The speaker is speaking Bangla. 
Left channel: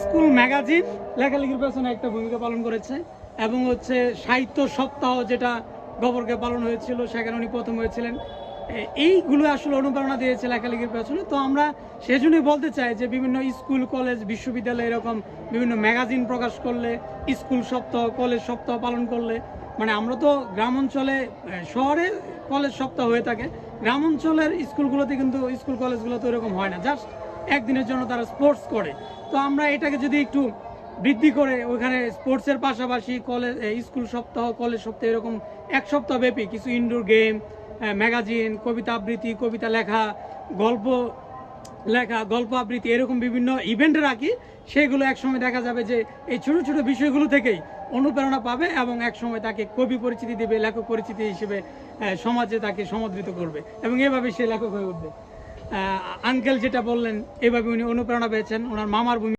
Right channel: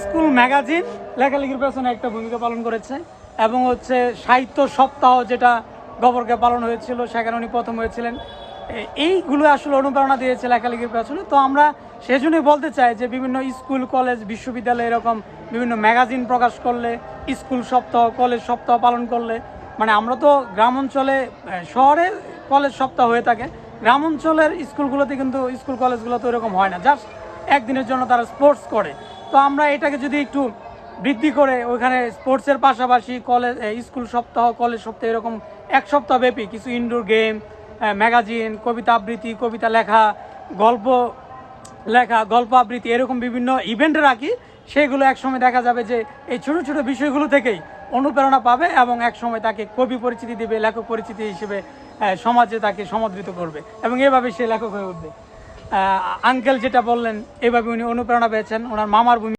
স্কুল ম্যাগাজিন লেখালেখির পেছনে একটা ভূমিকা পালন করেছে এবং হচ্ছে সাহিত্য সপ্তাহ যেটা গবরকে পালন হয়েছিল সেখানে উনি প্রথম হয়েছিলেন। এইগুলো আসলে অনুপ্রেরণা দিয়েছে লেখালেখির পেছনে। তো আমরা সেজন্যই বলতে চাই যে বিভিন্ন স্কুল কলেজ বিশ্ববিদ্যালয় এরকম বিভিন্ন ম্যাগাজিন প্রকাশ করলে, স্কুল সপ্তাহ কলেজ সপ্তাহ পালন করলে, মানে আমরা তো গ্রাম অঞ্চলে, শহরে কলেজ সপ্তাহ হয়ে থাকে, গ্রাম অঞ্চলের স্কুলগুলোতে কিন্তু স্কুল কলেজগুলোতে এরকম হয় না, জাস্ট একদিনের জন্য তারা স্পোর্টস করে। তো আমরা এটাকে যদি একটু বৃদ্ধি করে ওইখানে স্পোর্টসের পাশাপাশি কলেজ স্কুল সপ্তাহ কলেজ সপ্তাহ এরকম এক সপ্তাহ ব্যাপী কিছু ইনডোর গেম, ম্যাগাজিন, কবিতা আবৃত্তি, কবিতা লেখা, গল্প লেখা, গল্প আবৃত্তি এরকম বিভিন্ন ইভেন্টে রাখি, সেগুলো একসময় দেখা যাবে যে এই ছোটো ছোটো বিষয়গুলো থেকেই অনুপ্রেরণা পাবে এবং একসময় তাকে কবি পরিচিতি দেবে, লেখক পরিচিতি হিসেবে সমাজে তাকে সমাদৃত করবে এবং এভাবে সে লেখক হয়ে উঠবে। আঙ্কেল যেটা বললেন, এভাবে উনি অনুপ্রেরণা পেয়েছেন ওনার মামার ভূমি